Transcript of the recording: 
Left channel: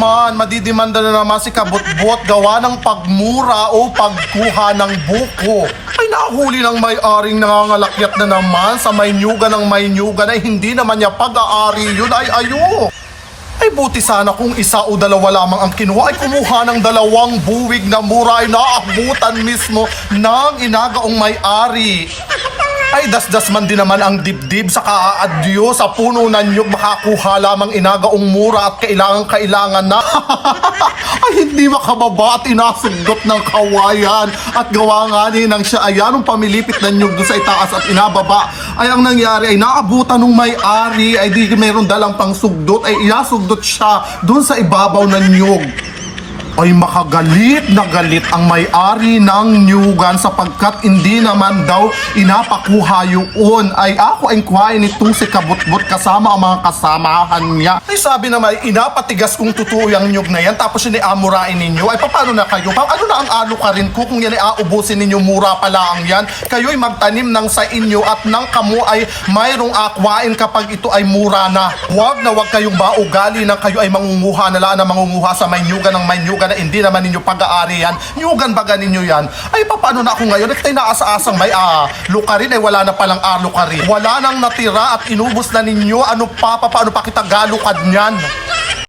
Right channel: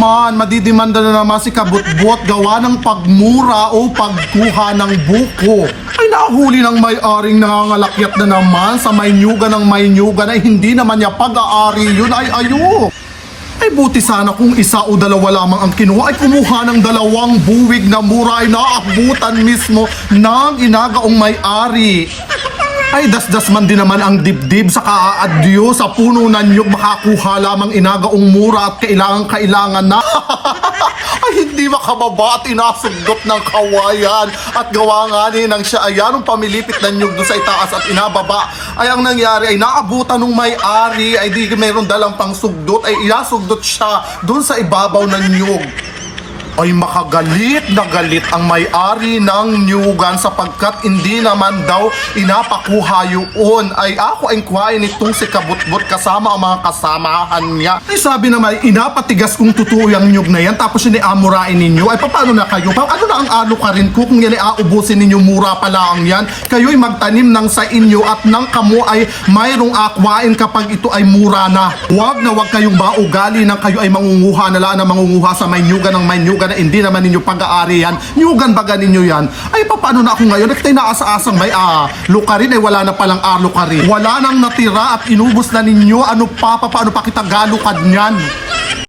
naman, madidimanda na naman si Kabutbot gawa ng pagmura o pagkuha ng buko. Ay nahuli ng may-aring nangangalakyat na naman sa may nyuga ng may nyuga na hindi naman niya pag-aari yun ay ayo. Ay buti sana kung isa o dalawa lamang ang kinuha ay kumuha ng dalawang buwig na mura ay naabutan mismo ng inagaong may-ari. Ay dasdas man din naman ang dibdib sa kaaadyo sa puno na niyog makakuha lamang inagaong mura at kailangan kailangan na. ay hindi makababa at inasugdot ng kawayan at gawa nga ni nang siya ay anong pamilipit na niyog sa itaas at inababa. Ay ang nangyari ay naabutan ng may-ari ay di mayroong dalang pang sugdot ay inasugdot siya doon sa ibabaw ng niyog ay makagalit na galit ang may-ari ng nyugan sapagkat hindi naman daw inapakuha yun. Ay ako ang kuhain nitong si Kabutbot kasama ang mga kasamahan niya. Ay sabi naman, inapatigas kung totoo yung nyug na yan tapos ay amurain ninyo. Ay paano na kayo? Pa, ano na ang alo ka rin ko kung yan ay aubusin ninyo mura pa lang yan? Kayo ay magtanim ng sa inyo at ng kamo ay mayroong akwain kapag ito ay mura na. Huwag na huwag kayong maugali ng kayo ay mangunguha na lang na mangunguha sa may nyugan ng may nyugan na hindi naman ninyo pag-aari yan. Nyugan baga ninyo yan. Ay paano na ako ngayon? Nakita inaasa-asang may ah, lukarin ay wala na palang ah, lukarin. Wala nang natira at inubos na ninyo. Ano pa, pa paano pa kita galukad niyan?